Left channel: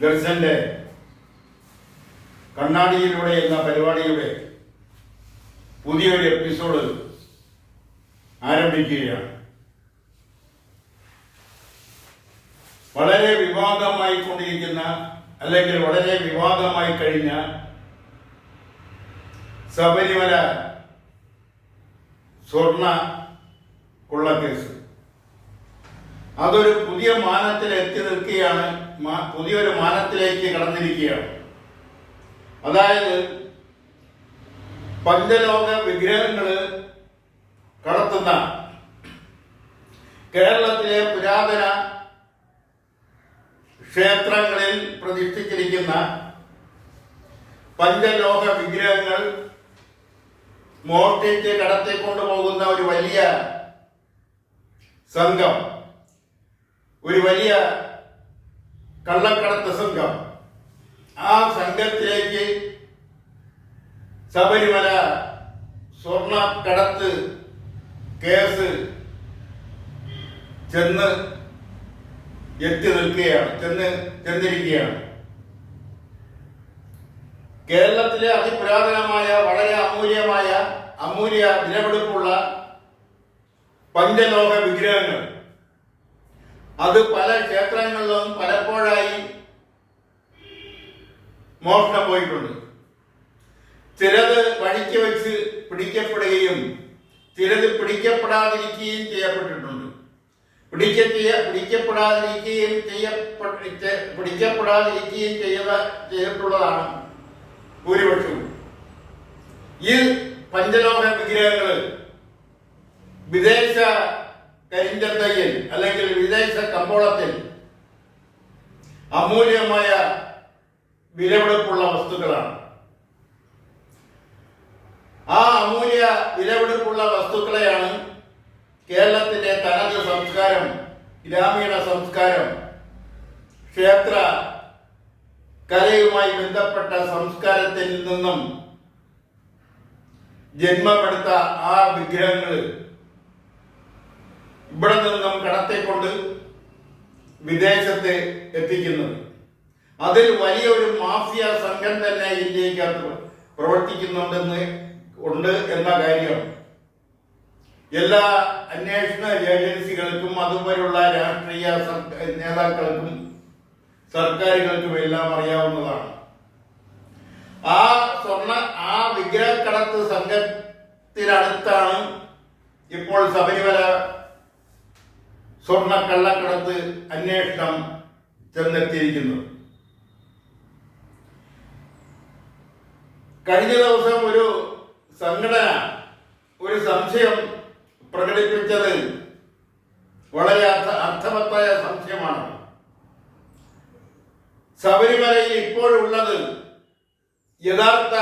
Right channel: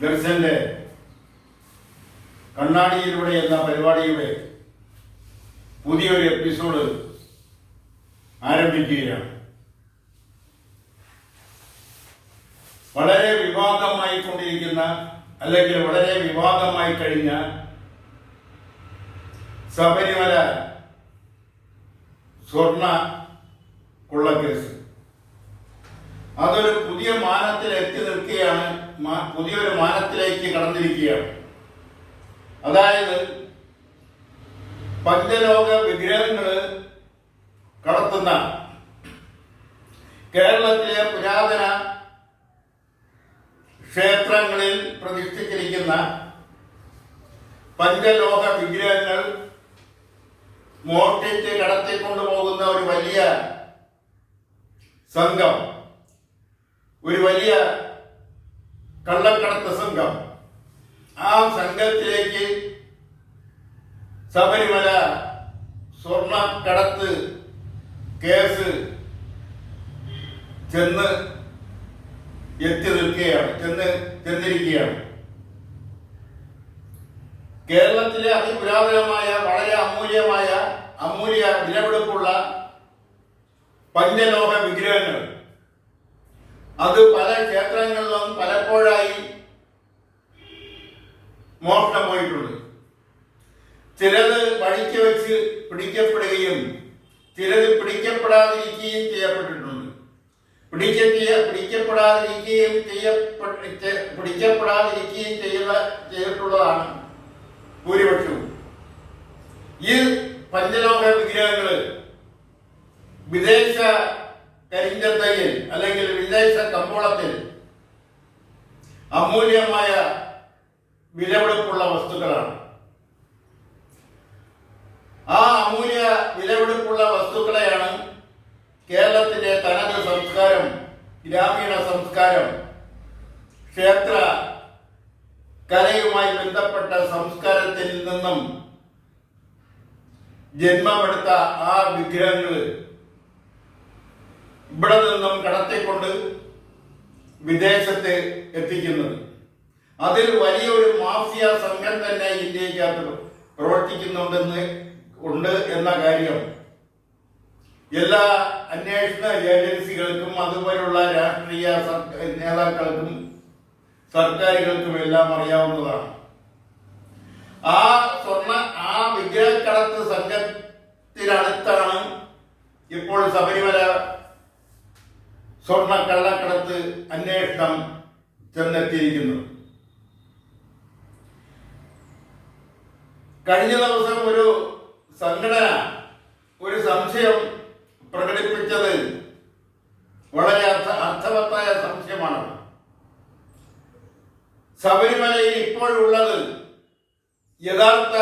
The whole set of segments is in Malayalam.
ദർശന്റെ കണ്ണാടിയിലൂടെ എന്ന പരിപാടിയുടെ പുതിയൊരു എപ്പിസോഡ് ആരംഭിക്കുകയാണ്. വളരെ വിവാദമായി കൊണ്ടിരിക്കുന്ന അല്ലെങ്കിൽ വളരെ വിവാദമായി കഴിഞ്ഞ ശബരിമല സ്വർണ കൊള്ളക്കേസ് അതൊരു പുതിയ മാനത്തിൽ എത്തി നിൽക്കുകയാണ്. പുതിയൊരു മാനത്തിലേക്ക് കടന്നിരിക്കുകയാണ്. അതായത് പഞ്ചലോക വിഗ്രഹങ്ങൾ കടത്തുന്ന കേരളത്തിലെ പുരാതന ക്ഷേത്രങ്ങളിൽ പ്രതിഷ്ഠിച്ചിരിക്കുന്ന പഞ്ചലോഹ വിഗ്രഹങ്ങൾ മോഷ്ടിച്ച് കടത്തിക്കൊണ്ടുപോകുന്ന ഒരു വലിയ സംഘം, ഒരു വലിയ കള്ളക്കടത്ത് സംഘം, ആ സംഘത്തിലേക്ക് ശബരിമല സ്വർണ്ണക്കടത്ത് കേസ് ചെന്നിരിക്കുകയാണ്. കേരളത്തിലെ അതിപുരാതനമായ വളരെ അമൂല്യ വിലപിടിപ്പുള്ള പഞ്ചലോഹ വിഗ്രഹങ്ങൾ അത് പല ക്ഷേത്രങ്ങളിലും പലപ്പോഴായി മോഷണം പോയിട്ടുണ്ട്. ചിലത് വഴിക്ക് വെച്ച് പിടിക്കപ്പെടുകയും ചിലത് പിടിക്കപ്പെടാതിരിക്കുകയും ചെയ്യപ്പെട്ടിട്ടുണ്ട്. പിടിക്കപ്പെടാതിരിക്കുകയും ചെയ്തിട്ടുള്ളതാണ് ഭൂരിപക്ഷവും. ഈ പഞ്ചലോഹ വിഗ്രഹങ്ങൾ വിദേശ കരിഞ്ചന്തയിൽ അല്ലെങ്കിൽ വിദേശ കമ്പോളത്തിൽ അമൂല്യമായ വിലപിടിപ്പുള്ള വസ്തുക്കളാണ്. ആ അമൂല്യ വിലപിടിപ്പുള്ള വസ്തുക്കളെയാണ് കേരളത്തിന്റെ തനത് സംസ്കാരം, ഗ്രാമീണ സംസ്കാരം, ക്ഷേത്ര കലയുമായി ബന്ധപ്പെട്ട സംസ്കാരത്തിൽ നിന്നും ജന്മമെടുത്ത ആ വിഗ്രഹങ്ങൾ ഇവിടെ നിന്നും കടത്തിക്കൊണ്ട് വിദേശത്ത് എത്തിക്കുന്നത്. അതിൽ വലിയൊരു മാഫിയ സംഘം തന്നെ ഇന്ത്യക്കകത്ത് പ്രവർത്തിക്കുന്നുണ്ട് എന്ന കാര്യം എല്ലാ അന്വേഷണ ഏജൻസികൾക്കും അതുപോലുള്ള രാഷ്ട്രീയ നേതാക്കൾക്കും സർക്കാരുകൾക്കും എല്ലാം അറിയാവുന്നതാണ്. ആ വിഗ്രഹക്കടത്ത് സംഘത്തിനടുത്താണ് ഇപ്പോൾ ശബരിമല സ്വർണ്ണ കള്ളക്കടത്ത് അന്വേഷണം ചെന്നെത്തിയിരിക്കുന്നത്. കഴിഞ്ഞ ദിവസം ഒരു സംഘടന ഒരു സംശയം പ്രകടിപ്പിച്ചത് വളരെ അർത്ഥവത്തായ സംശയമാണ്. ശബരിമലയിൽ ഇപ്പോഴുള്ളത് യഥാർത്ഥ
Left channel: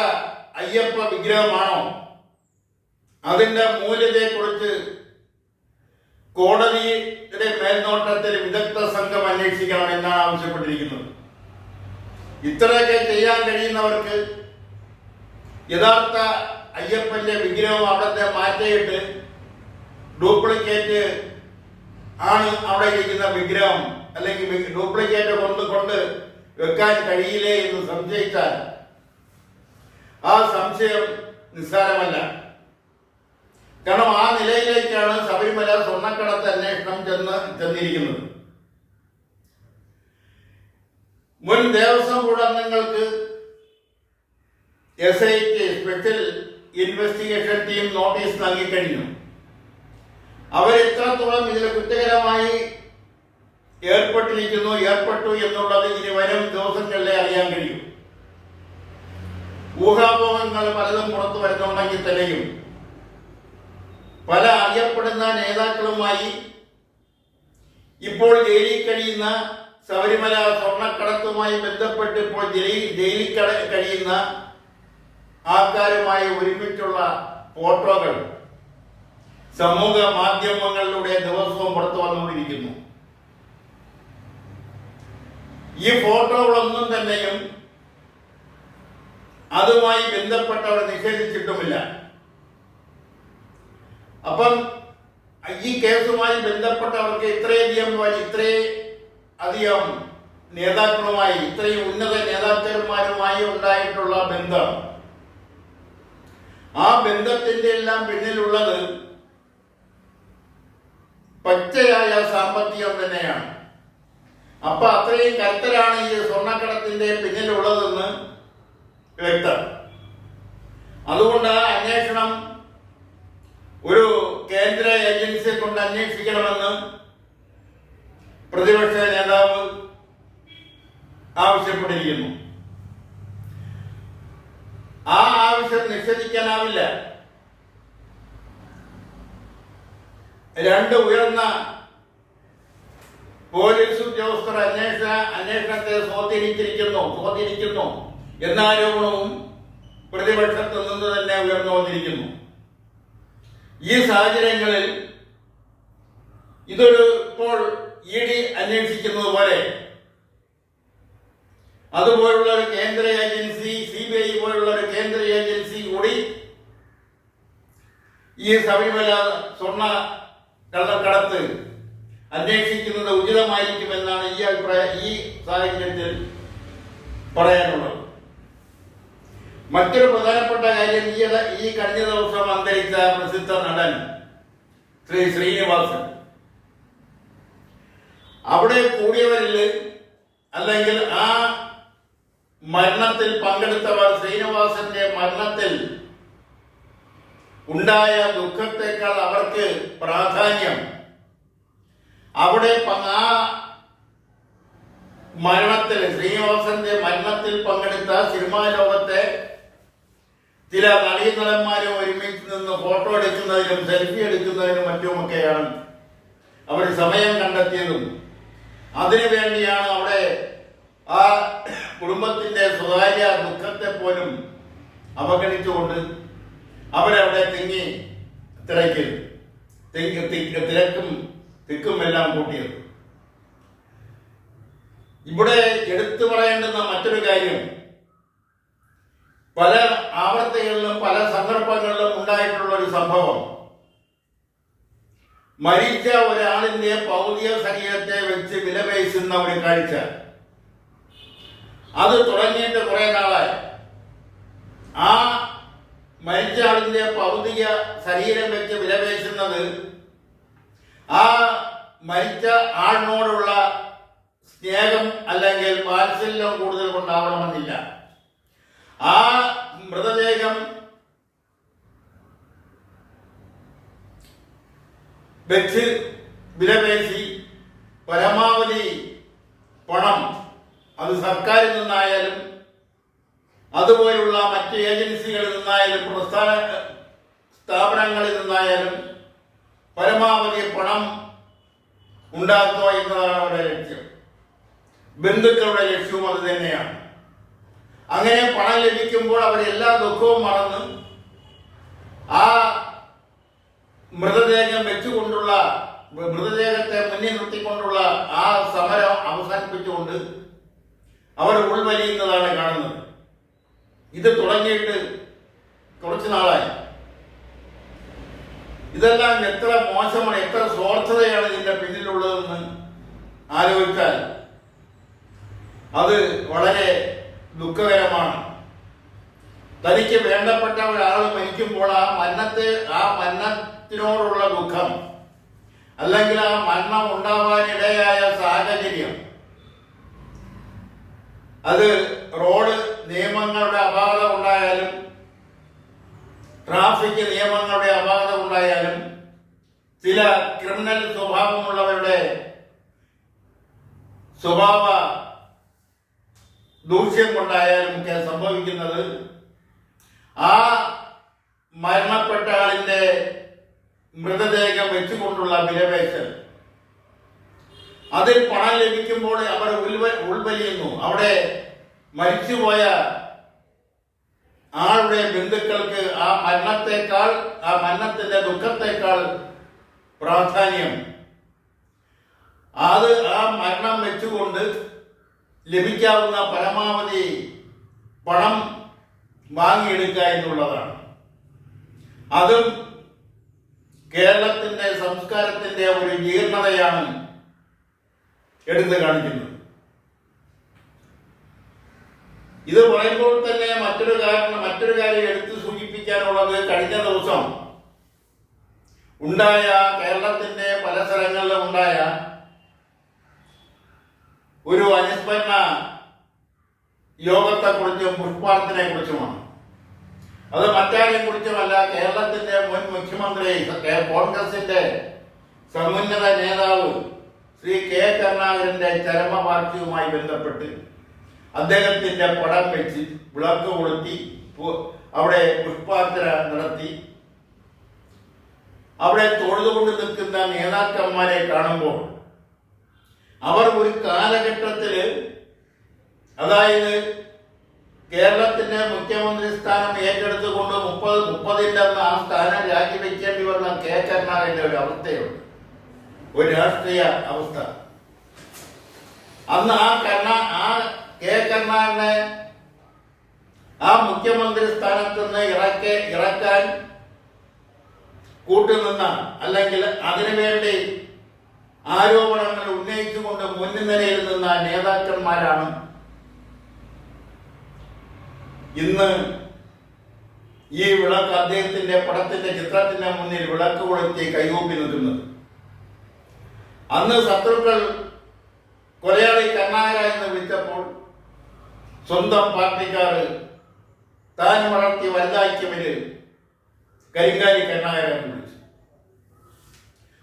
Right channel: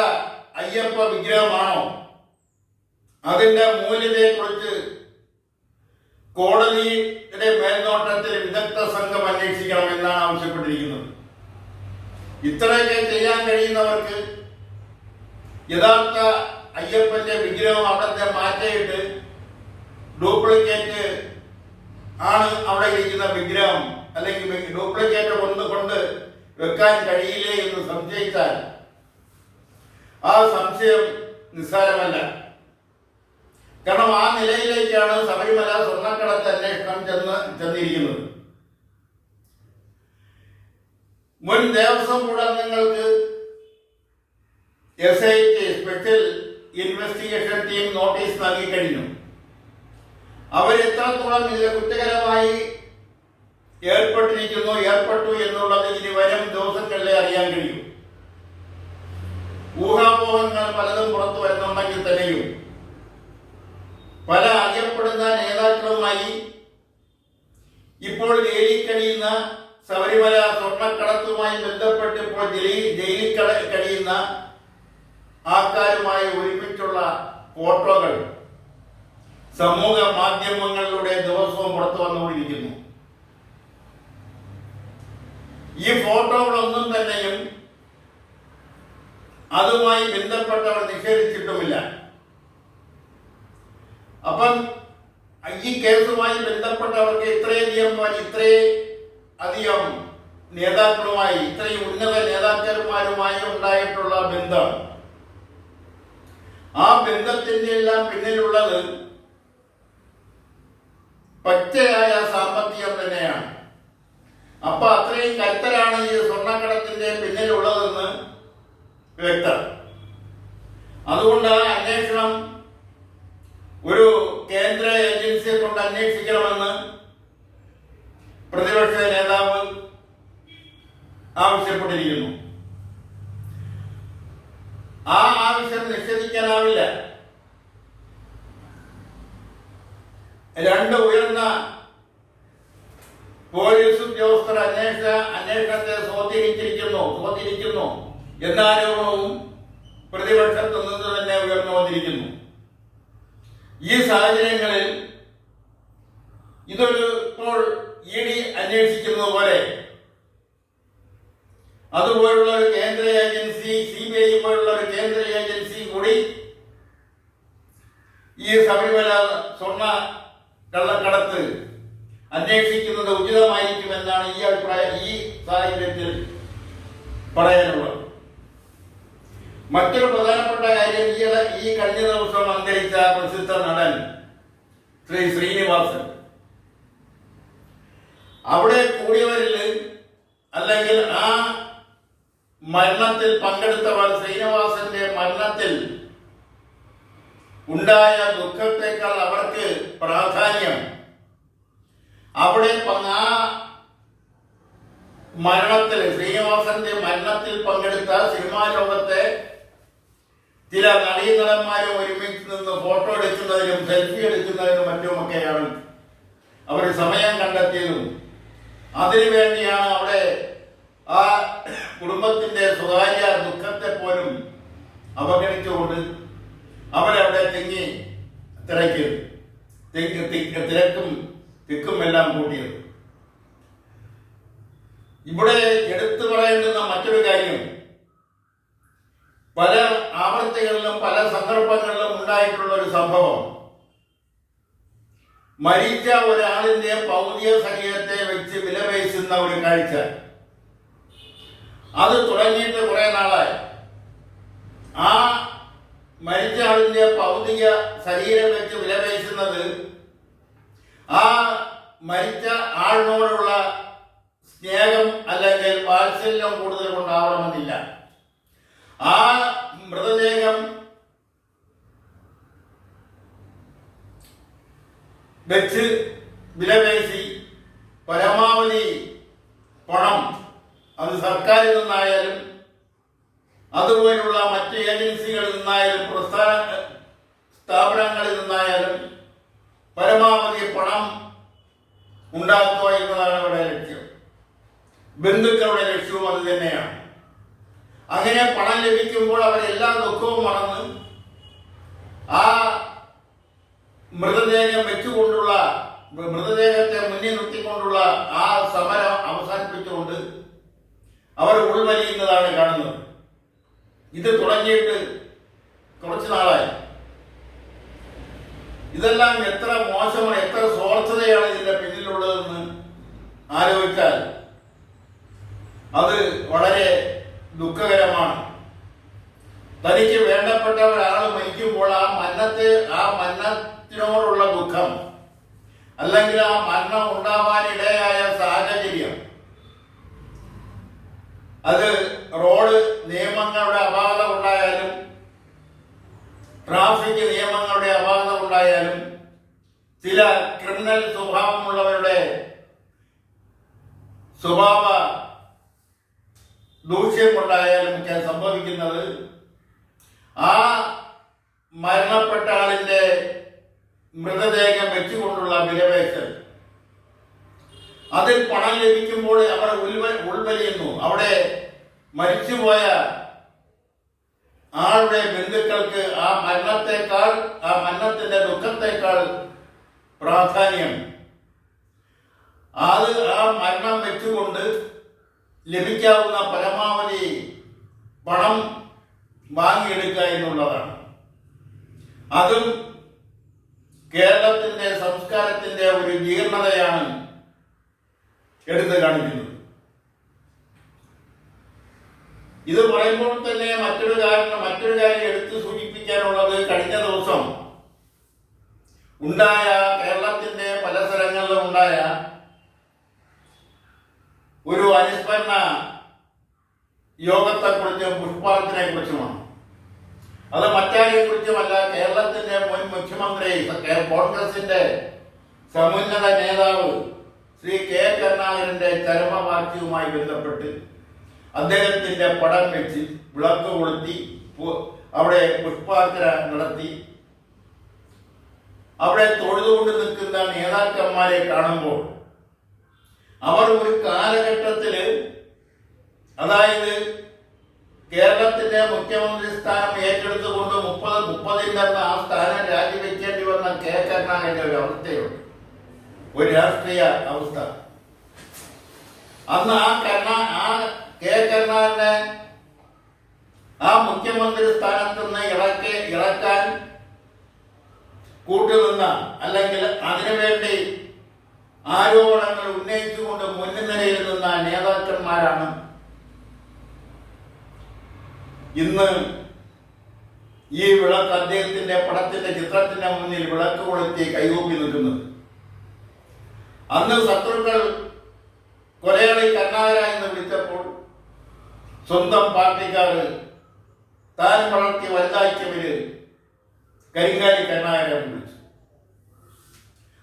അയ്യപ്പ വിഗ്രഹമാണോ? അതിന്റെ മൂല്യത്തെക്കുറിച്ച് കോടതിയുടെ മേൽനോട്ടത്തിൽ വിദഗ്ധ സംഘം അന്വേഷിക്കണം എന്നാണ് ആവശ്യപ്പെട്ടിരിക്കുന്നത്. ഇത്രയൊക്കെ ചെയ്യാൻ കഴിയുന്നവർക്ക് യഥാർത്ഥ അയ്യപ്പന്റെ വിഗ്രഹം അവിടത്തെ മാറ്റിയിട്ട് ഡ്യൂപ്ലിക്കേറ്റ് ആണ് അവിടെ ഇരിക്കുന്ന വിഗ്രഹം അല്ലെങ്കിൽ ഡ്യൂപ്ലിക്കേറ്റ് കൊണ്ട് വെക്കാൻ കഴിയില്ലേ എന്ന് സംശയിച്ചാൽ ആ സംശയം നിസ്സാരമല്ല. കാരണം ആ നിലയിലേക്കാണ് ശബരിമല സ്വർണ്ണക്കടത്ത് അന്വേഷണം ചെന്നിരിക്കുന്നത്. മുൻ ദേവസ്വം ബോർഡ് അംഗങ്ങൾക്ക് SIT special investigation team notice നൽകിക്കഴിഞ്ഞു. അവർ എത്രത്തോളം ഇതിൽ കുറ്റകരമായി ഏർപ്പെട്ടു എന്നുള്ളത് ഇനി വരും ദിവസങ്ങളിലെ അറിയാൻ കഴിയും. ഊഹാപോഹങ്ങൾ പലതും പുറത്തു വരുന്നുണ്ടെങ്കിൽ തന്നെയും പല അറിയപ്പെടുന്ന നേതാക്കളുമായി ഇപ്പോൾ ജയിലിൽ കഴിയുന്ന ശബരിമല സ്വർണ്ണക്കടത്തുമായി ബന്ധപ്പെട്ട് ഇപ്പോൾ ജയിലിൽ കഴിയുന്ന ആൾക്കാരുമായി ഒരുമിച്ചുള്ള ഫോട്ടോകൾ സമൂഹ മാധ്യമങ്ങളിലൂടെ ദിവസവും പുറത്തു വന്നുകൊണ്ടിരിക്കുന്നു. ഈ ഫോട്ടോകളൊന്നും തന്നെയും അതുമായി ബന്ധപ്പെട്ടവർ നിഷേധിച്ചിട്ടുമില്ല. അപ്പം ഈ കേസുമായി ബന്ധപ്പെട്ടവർക്ക് ഇത്രയധികം നേതാക്കളുമായി, ഇത്രയും ഉന്നത നേതാക്കന്മാരുമായി ഉണ്ടായിട്ടുള്ള ബന്ധം, ആ ബന്ധത്തിന്റെ എല്ലാം പിന്നിലുള്ളത് പച്ചയായ സാമ്പത്തികം തന്നെയാണ്. അപ്പൊ അത്രയും കരുത്തരാണ് ഈ സ്വർണ്ണക്കടത്തിന്റെ പിന്നിലുള്ളതെന്ന് വ്യക്തം. അതുകൊണ്ട് ആ അന്വേഷണം ഒരു കേന്ദ്ര ഏജൻസിയെ കൊണ്ട് അന്വേഷിക്കണമെന്ന് പ്രതിപക്ഷ നേതാവ് ആവശ്യപ്പെട്ടിരിക്കുന്നു. ആ ആവശ്യം നിഷേധിക്കാനാവില്ല. രണ്ട് ഉയർന്ന പോലീസ് ഉദ്യോഗസ്ഥർ അന്വേഷണത്തെ സ്വാധീനിക്കുന്നു എന്ന ആരോപണവും പ്രതിപക്ഷത്തു നിന്ന് തന്നെ ഉയർന്നു വന്നിരിക്കുന്നു. ഈ സാഹചര്യങ്ങളിൽ ഇതൊരു ഇപ്പോൾ ED അന്വേഷിക്കുന്നത് പോലെ അതുപോലുള്ള ഒരു കേന്ദ്ര ഏജൻസി, CBI പോലുള്ള ഒരു കേന്ദ്ര ഏജൻസി കൂടി ഈ ശബരിമല സ്വർണ്ണ കള്ളക്കടത്ത് അന്വേഷിക്കുന്നത് ഉചിതമായിരിക്കുമെന്നാണ് ഈ സാഹചര്യത്തിൽ പറയാനുള്ളത്. മറ്റൊരു പ്രധാനപ്പെട്ട കാര്യം, ഈ കഴിഞ്ഞ ദിവസം അന്തരിച്ച പ്രസിദ്ധ നടൻ ശ്രീനിവാസൻ, അവിടെ കൂടിയവരിൽ അല്ലെങ്കിൽ ആ മരണത്തിൽ പങ്കെടുത്തവർ ശ്രീനിവാസന്റെ മരണത്തിൽ ഉണ്ടായ ദുഃഖത്തെക്കാൾ അവർക്ക് പ്രാധാന്യം അവിടെ ആ മരണത്തിൽ, ശ്രീനിവാസന്റെ മരണത്തിൽ പങ്കെടുത്ത സിനിമാ ലോകത്തെ ചില നടീനടന്മാരും ഒരുമിച്ച് നിന്ന് ഫോട്ടോ എടുക്കുന്നതിനും സെൽഫി എടുക്കുന്നതിനും മറ്റുമൊക്കെയാണ് അവർ സമയം കണ്ടെത്തിയതും. അതിനുവേണ്ടിയാണ് അവിടെ ആ കുടുംബത്തിന്റെ സ്വകാര്യ ദുഃഖത്തെ പോലും അവഗണിച്ചുകൊണ്ട് അവരവിടെ തിരക്കും തിക്കും എല്ലാം കൂട്ടിയത്. ഇവിടെ എടുത്തു പറയേണ്ടുന്ന മറ്റൊരു കാര്യം, പല ആവർത്തികളിലും പല സന്ദർഭങ്ങളിലും ഉണ്ടായിട്ടുള്ള ഒരു സംഭവം, മരിച്ച ഒരാളിന്റെ ഭൗതിക ശരീരത്തെ വെച്ച് വിലപേശുന്ന ഒരു കാഴ്ച. അത് തുടങ്ങിയിട്ട് കുറെ നാളായി. ആ മരിച്ച ആളിന്റെ ഭൗതിക ശരീരം വെച്ച് വിലപേശുന്നത് ആ മരിച്ച ആളിനോടുള്ള സ്നേഹം അല്ലെങ്കിൽ വാത്സല്യം കൂടുതൽ കൊണ്ടാവണമെന്നില്ല. ആ മൃതദേഹം വെച്ച് വിലപേശി പരമാവധി പണം, അത് സർക്കാരിൽ നിന്നായാലും അതുപോലുള്ള മറ്റ് ഏജൻസികളിൽ നിന്നായാലും സ്ഥാപനങ്ങളിൽ നിന്നായാലും പരമാവധി പണം ഉണ്ടാക്കുക എന്നതാണ് അവരുടെ ലക്ഷ്യം. ബന്ധുക്കളുടെ ലക്ഷ്യവും അത് തന്നെയാണ്. അങ്ങനെ പണം ലഭിക്കുമ്പോൾ അവരെല്ലാ ദുഃഖവും മറന്ന് ആ മൃതദേഹത്തെ മുന്നിൽ നിർത്തിക്കൊണ്ടുള്ള ആ സമരം അവസാനിപ്പിച്ചുകൊണ്ട് അവർ ഉൾവലിയുന്നതാണ് കാണുന്നത്. ഇത് തുടങ്ങിയിട്ട് കുറച്ചു നാളായി. ഇതെല്ലാം എത്ര മോശമാണ്, എത്ര സ്വാർത്ഥതയാണ് ഇതിന്റെ പിന്നിലുള്ളതെന്ന് ആലോചിച്ചാൽ അത് വളരെ ദുഃഖകരമാണ്. തനിക്ക് വേണ്ടപ്പെട്ട ഒരാൾ മരിക്കുമ്പോൾ ആ മരണത്തിനോടുള്ള ദുഃഖം അല്ലെങ്കിൽ ആ മരണം ഉണ്ടാവാനിടയായ സാഹചര്യം, അത് റോഡ് നിയമങ്ങളുടെ അപാകത ഉണ്ടായാലും ട്രാഫിക് നിയമങ്ങളുടെ അപാകത ഉണ്ടായാലും ചില ക്രിമിനൽ സ്വഭാവമുള്ളവരുടെ സ്വഭാവ ദൂഷ്യം കൊണ്ടായാലും ഒക്കെ സംഭവിക്കുന്നത് ആ മരണപ്പെട്ട ആളിന്റെ മൃതദേഹം വെച്ചുകൊണ്ടുള്ള വിലപേശൽ, അതിൽ പണം ലഭിക്കുമ്പോൾ അവർ ഉൾവലിയുന്നു. അവിടെ മരിച്ചുപോയ ആളുടെ ബന്ധുക്കൾക്ക് ആ മരണത്തിന്റെ ദുഃഖത്തെക്കാൾ പ്രാധാന്യം അത് ആ മരണം വെച്ചുകൊണ്ട് ലഭിക്കാവുന്ന പരമാവധി പണം വാങ്ങിയെടുക്കുക എന്നുള്ളതാണ്. അതും കേരളത്തിന്റെ സംസ്കാരത്തിന്റെ ഒരു ജീർണതയാണ് എടുത്തു കാണിക്കുന്നത്. ഇത് പറയുമ്പോൾ തന്നെ മറ്റൊരു കാര്യം എടുത്തു സൂചിപ്പിക്കാനുള്ളത്, കഴിഞ്ഞ ദിവസം ഉണ്ടായ കേരളത്തിന്റെ പല സ്ഥലങ്ങളിലും ഉണ്ടായ ഒരു അനുസ്മരണ യോഗത്തെക്കുറിച്ചും പുഷ്പാർച്ചനയെ കുറിച്ചുമാണ്. അത് മറ്റാരെ കുറിച്ചുമല്ല, കേരളത്തിന്റെ മുൻ മുഖ്യമന്ത്രി, കോൺഗ്രസിന്റെ സമുന്നത നേതാവ് ശ്രീ കെ കരുണാകരന്റെ ചരമവാർഷികവുമായി ബന്ധപ്പെട്ട് അദ്ദേഹത്തിന്റെ പടം വെച്ച് വിളക്ക് കൊളുത്തി അവിടെ പുഷ്പാർച്ചന നടത്തി. അവിടെ തൊഴുതുകൊണ്ട് നിൽക്കുന്ന നേതാക്കന്മാരെ കാണുമ്പോൾ അവർ ഒരു കാലഘട്ടത്തില്, അതായത് കേരളത്തിന്റെ മുഖ്യമന്ത്രി സ്ഥാനം ഏറ്റെടുത്തുകൊണ്ട് 30 ആ സ്ഥാനം രാജിവെക്കേണ്ടി വന്ന കെ കരുണാകരന്റെ ഒരു അവസ്ഥയുണ്ട്, ഒരു രാഷ്ട്രീയ അവസ്ഥ. അന്ന് ആ കെ കരുണാകരനെ ആ മുഖ്യമന്ത്രി സ്ഥാനത്ത് നിന്ന് ഇറക്കാൻ കൂട്ടുനിന്ന, അല്ലെങ്കിൽ അതിനുവേണ്ടി ആരോപണങ്ങൾ ഉന്നയിച്ചുകൊണ്ട് മുൻനിരയിൽ നിന്ന നേതാക്കന്മാരാണ് ഇന്ന് ഈ വിളക്ക്, അദ്ദേഹത്തിന്റെ പടത്തിന്റെ ചിത്രത്തിന്റെ മുന്നിൽ വിളക്ക് കൊളുത്തി കൈകൂപ്പി നിൽക്കുന്നത്. അന്ന് ശത്രുക്കൾ കൊലയാളി കരുണാകര എന്ന് വിളിച്ചപ്പോൾ സ്വന്തം പാർട്ടിക്കാർ താൻ വളർത്തി വലുതാക്കിയവര് കരിങ്കാലി കരുണാകര എന്ന് വിളിച്ചു.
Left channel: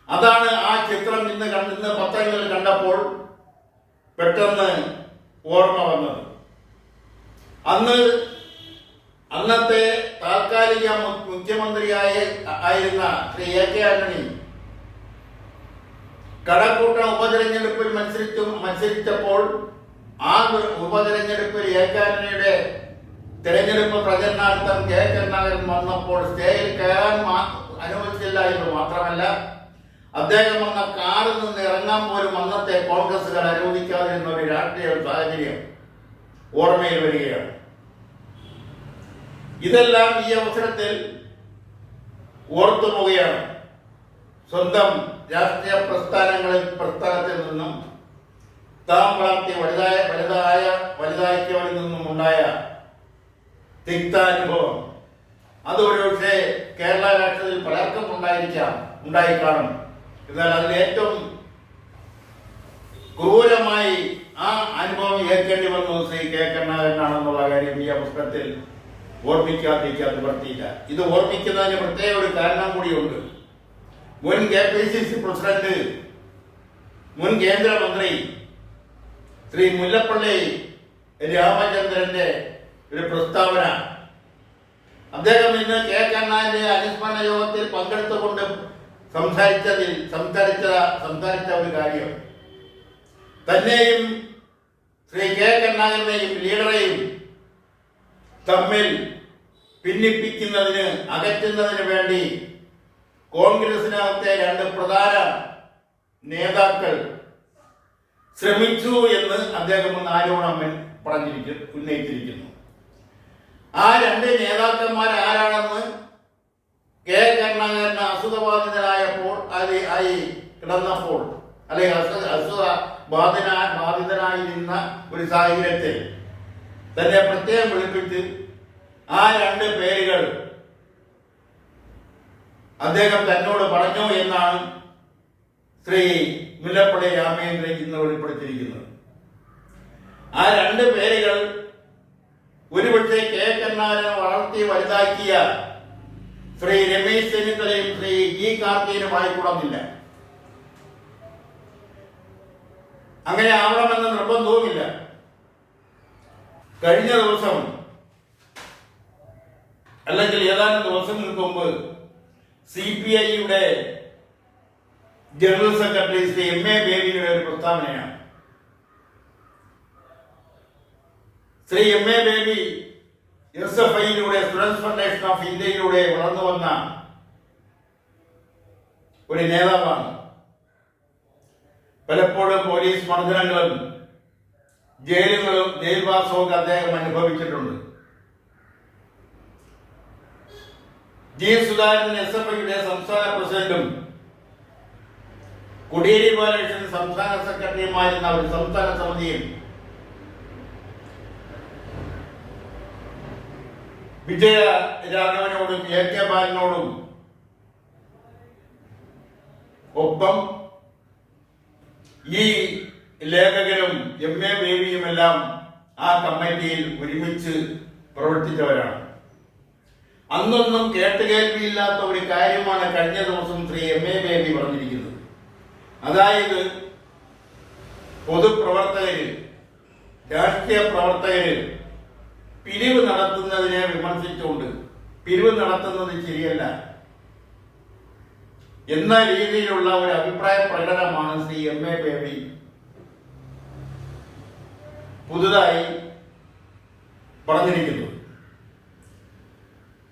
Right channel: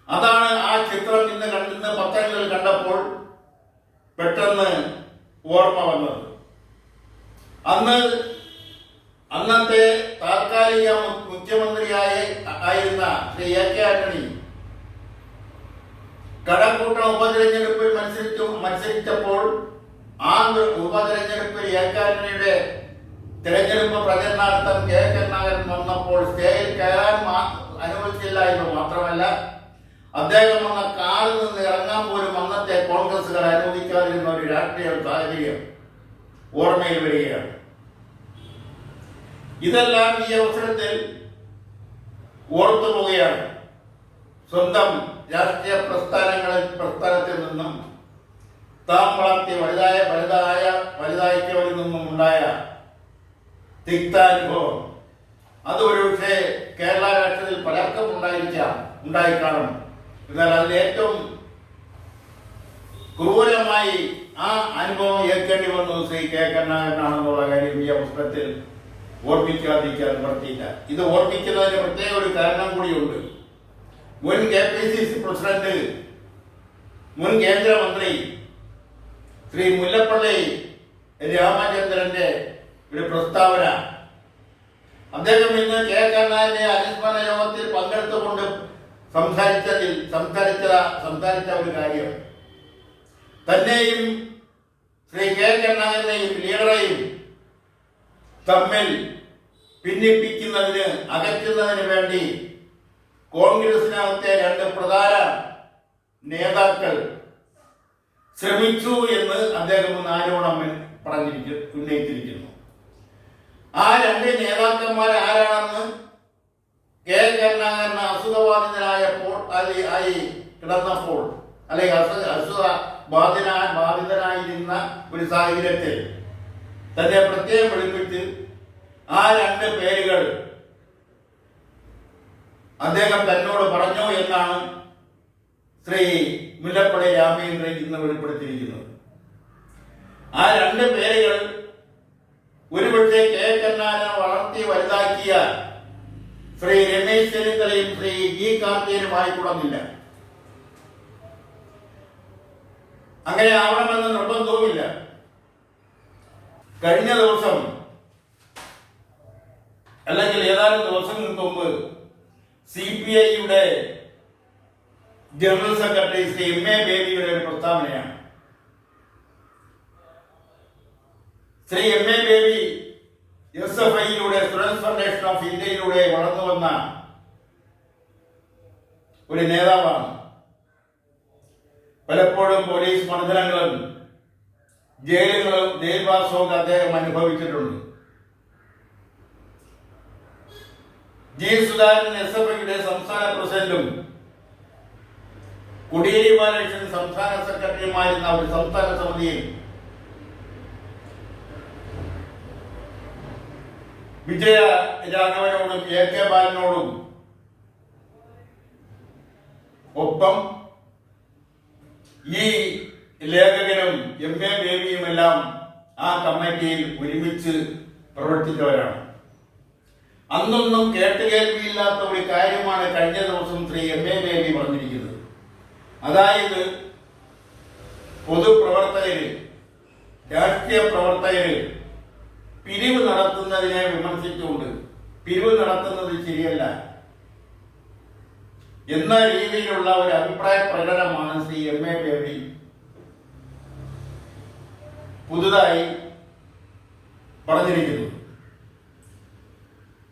അതാണ് ആ ചിത്രം ഇന്ന് പത്രങ്ങളിൽ കണ്ടപ്പോൾ പെട്ടെന്ന് ഓർമ്മ വന്നത്. അന്നത്തെ താൽക്കാലിക മുഖ്യമന്ത്രിയായിരുന്ന ശ്രീ എ കെ ആന്റണി കടക്കൂട്ടം ഉപതെരഞ്ഞെടുപ്പിൽ മത്സരിച്ചപ്പോൾ ആ ഉപതെരഞ്ഞെടുപ്പിൽ എ കെ ആന്റണിയുടെ തെരഞ്ഞെടുപ്പ് പ്രചരണാർത്ഥം കെ കരുണാകരൻ വന്നപ്പോൾ സ്റ്റേജിൽ കയറാൻ അനുവദിച്ചില്ല എന്ന് മാത്രമല്ല, അദ്ദേഹം വന്ന കാറിൽ നിന്ന് ഇറങ്ങാൻ പോലും അന്നത്തെ കോൺഗ്രസുകാർ അനുവദിക്കാതിരുന്ന ഒരു രാഷ്ട്രീയ സാഹചര്യം ഓർമ്മയിൽ വരികയാണ്. ഇതെല്ലാം ഈ അവസരത്തിൽ ഓർത്തു പോവുകയാണ്. സ്വന്തം രാഷ്ട്രീയ പ്രസ്ഥാനത്തിൽ നിന്നും താൻ വളർത്തി വലുതാക്കിയവരിൽ നിന്നും ഉണ്ടായ തിക്താനുഭവം. അത് ഒരുപക്ഷെ കേരള രാഷ്ട്രീയത്തിൽ പലർക്കും ഉണ്ടായിക്കാണും. എന്നാൽ അതിൽ ഏറ്റവും ക്രൂരമായി ആ അനുഭവം ഏൽക്കേണ്ടി വന്നത് ശ്രീ കെ കരുണാകരനാണെന്നുള്ള കാര്യം ഈ അവസരത്തിൽ ഓർമ്മിക്കാതിരിക്കാൻ നിവർത്തിയില്ല. ഇത് ഓർമ്മിക്കുന്നതിന് പ്രത്യേക ഒരു കാരണം കൂടിയുണ്ട്. മുൻ KPCC പ്രസിഡന്റ്, മുൻ കേന്ദ്രമന്ത്രി ശ്രീ മുല്ലപ്പള്ളി രാമചന്ദ്രന്റെ ഒരു പ്രസ്താവന, അദ്ദേഹം ഇന്ന് കെ കരുണാകരന്റെ അനുസ്മരണ യോഗത്തിൽ പങ്കെടുത്തുകൊണ്ട് സംസാരിച്ച ഒരു കാര്യം, തന്നെയും ശ്രീ കെ കരുണാകരനെയും ലീഡറെയും തമ്മിൽ ഭിന്നിപ്പിക്കുന്നതിന്, അകറ്റുന്നതിന് വേണ്ടി കോൺഗ്രസിനകത്തെ 2 പ്രധാന നേതാക്കൾ ശ്രമിച്ചു എന്ന് അദ്ദേഹം ഒന്ന് ആരോപണം ഉന്നയിച്ചിരിക്കുന്നു. ആ 2 നേതാക്കന്മാർ ആരാണെന്ന് കെ കരുണാകരന് അസുഖബാധിതനായപ്പോൾ കിടന്നപ്പോൾ, അല്ലെങ്കിൽ ബാധിതനായിരുന്ന ഒരു സാഹചര്യത്തിൽ തന്നെ പ്രത്യേകം വെളിപ്പെടുത്തി ആ 2 പേരുകൾ അദ്ദേഹം തന്നോട് പറഞ്ഞു എന്നാണ് ശ്രീ മുല്ലപ്പള്ളി രാമചന്ദ്രൻ ഇന്ന് വെളിപ്പെടുത്തിയിരിക്കുന്നത്. ആ 2 പേരുകൾ ഒരുപക്ഷെ കെ കരുണാകരനെ വളർത്തി വലുതാക്കിയ ശ്രീ രമേശ് ചെന്നിത്തലയും ശ്രീ ജി കാർത്തികനുമായി കൂടന്നില്ല. അങ്ങനെ ആവണമെന്ന് നിർബന്ധവുമില്ല. കഴിഞ്ഞ ദിവസം, അല്ലെങ്കിൽ ഏതാനും ദിവസങ്ങൾക്ക് മുമ്പ് CPIയുടെ ജനറൽ സെക്രട്ടറി ശ്രീ MA ബേബിയുടെ ഒരു പ്രസ്താവനയാണ്. ശ്രീ MA ബേബി SFIയിലൂടെ, സ്റ്റുഡൻസ് ഫെഡറേഷൻ ഓഫ് ഇന്ത്യയിലൂടെ വളർന്നു വന്ന ഒരു നേതാവാണ്. പലപ്പോഴും പോലീസ് മർദ്ദനങ്ങളും ജയിൽവാസവും അദ്ദേഹം അനുഭവിച്ചിട്ടുണ്ട്. G. സുധാകരൻ SFIയുടെ സംസ്ഥാന പ്രസിഡന്റും കോടിയേരി ബാലകൃഷ്ണൻ സംസ്ഥാന സെക്രട്ടറിയുമായിരുന്ന ഒരു സംസ്ഥാന സമിതിയിൽ വിജയ രാഘവനോടും എ കെ ബാലനോടും ഒപ്പം ഈ ലേഖകരും എം എ ബേബിയുമെല്ലാം ആ കമ്മിറ്റിയിൽ ഒരുമിച്ച് പ്രവർത്തിച്ചവരാണ്. അന്നൊന്നും കേട്ടുകേൾവിയില്ലാത്ത ഒരു കാര്യമാണ് കഴിഞ്ഞ ദിവസം ശ്രീ എം എ ബേബി പറഞ്ഞിരിക്കുന്നത്. അതായത് പൊതുപ്രവർത്തകര്, രാഷ്ട്രീയ പ്രവർത്തകര് പിരിവ് നടത്തുന്നതിനെ വിമർശിച്ചുകൊണ്ട് പിരിവ് നടത്തുന്നത് ശരിയല്ല എന്ന രീതിയിലുള്ള ഒരു അഭിപ്രായ പ്രകടനമാണ് ശ്രീ എം എ ബേബി പുതുതായി പറഞ്ഞിരിക്കുന്നത്.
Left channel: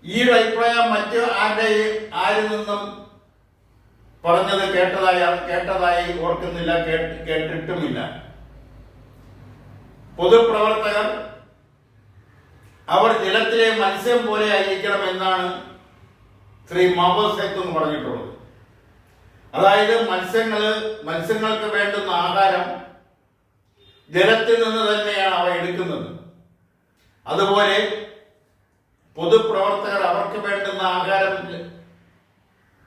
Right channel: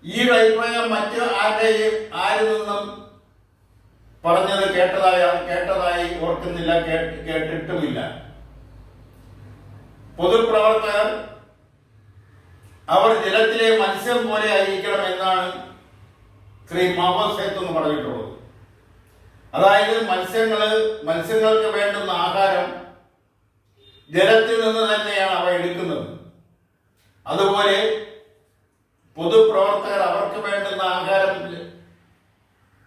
ഈ ഒരു അഭിപ്രായം മറ്റ് ആരിൽ നിന്നും പറഞ്ഞത് കേട്ടതായി ഓർക്കുന്നില്ല, കേട്ടിട്ടുമില്ല. പൊതുപ്രവർത്തകർ അവർ ജലത്തിലെ മത്സ്യം പോലെ ആയിരിക്കണം എന്നാണ് ശ്രീ മാവോസ് സേത്ത് എന്ന് പറഞ്ഞിട്ടുള്ളത്. അതായത് മത്സ്യങ്ങൾക്ക് വേണ്ടുന്ന ആഹാരം ജലത്തിൽ നിന്ന് തന്നെയാണ് അവ എടുക്കുന്നത്. അതുപോലെ പൊതുപ്രവർത്തകർ അവർക്ക് വേണ്ടുന്ന ആഹാരം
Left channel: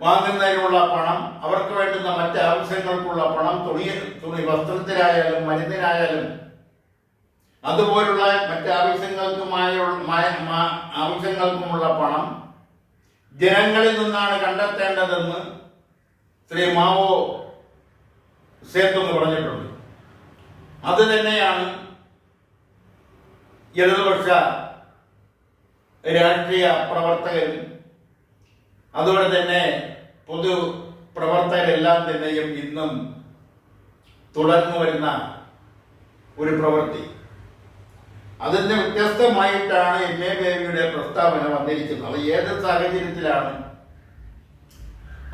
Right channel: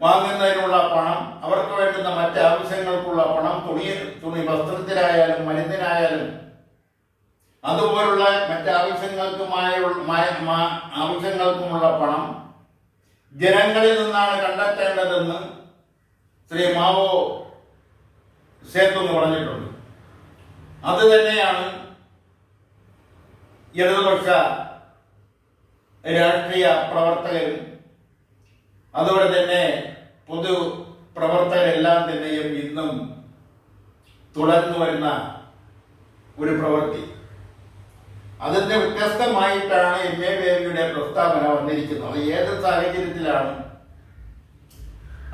വാങ്ങുന്നതിനുള്ള പണം, അവർക്ക് വേണ്ടുന്ന മറ്റ് ആവശ്യങ്ങൾക്കുള്ള പണം, തുണി വസ്ത്രത്തിനായാലും മരുന്നിനായാലും അതുപോലുള്ള മറ്റ് ആവശ്യങ്ങൾക്കുമുള്ള പണം ജനങ്ങളിൽ നിന്നാണ് കണ്ടെത്തേണ്ടതെന്ന് ശ്രീ മാവോ സേത്ത് എന്ന് പറഞ്ഞിട്ടുണ്ട്. അത് തന്നെയാണ് ഇടതുപക്ഷ രാഷ്ട്രീയ പ്രവർത്തകരും അതുപോലെ തന്നെ പൊതു പ്രവർത്തകരെല്ലാം തന്നെയും ഇന്നും തുടർന്നു വരുന്ന ഒരു പ്രവൃത്തി. അതിന്റെ വ്യത്യസ്തമായിട്ടാണ് എം എ ബേബിയുടെ പ്രസ്താവന വന്നിരിക്കുന്നത്. അത് ഏത് സാഹചര്യത്തിലാണ്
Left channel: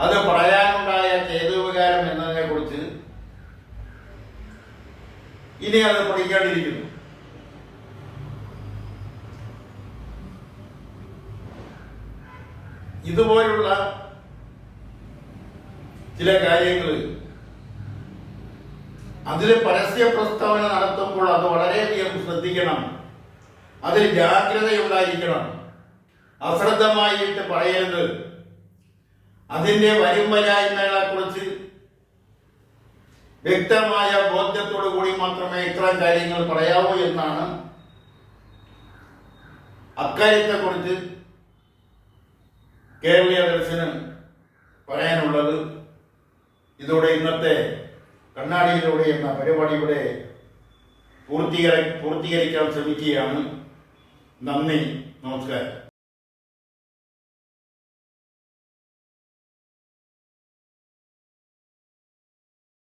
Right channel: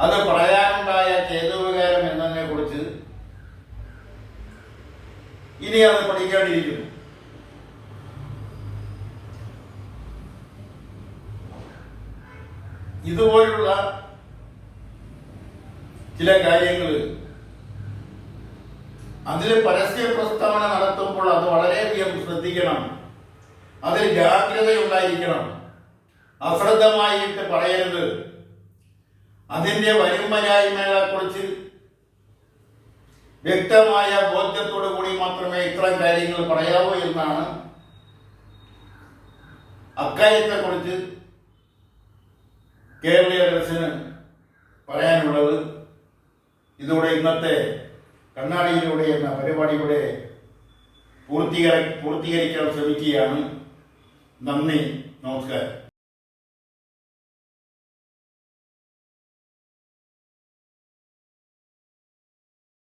അത് പറയാനുണ്ടായ ചേതോപകാരം എന്നതിനെ കുറിച്ച് ഇനി അത് പഠിക്കേണ്ടിയിരിക്കുന്നു. ഇതുപോലുള്ള ചില കാര്യങ്ങൾ അതിൽ പരസ്യ പ്രസ്താവന നടത്തുമ്പോൾ അത് വളരെയധികം ശ്രദ്ധിക്കണം, അതിൽ ജാഗ്രതയുണ്ടായിരിക്കണം, അശ്രദ്ധമായിട്ട് പറയരുത്. അതിന്റെ വരുംവരായ്മകളെ കുറിച്ച് വ്യക്തമായ ബോധ്യത്തോടു കൂടി മാത്രമേ ഇത്തരം കാര്യങ്ങൾ പറയാവൂ എന്നാണ് അക്കാര്യത്തെക്കുറിച്ച് കേരളീയ ദർശന് പറയാനുള്ളത്. ഇതോടെ ഇന്നത്തെ കണ്ണാടിയിലൂടെ എന്ന പരിപാടിയുടെ പൂർത്തീകരിക്കാൻ ശ്രമിക്കുകയാണ്. നന്ദി, നമസ്കാരം.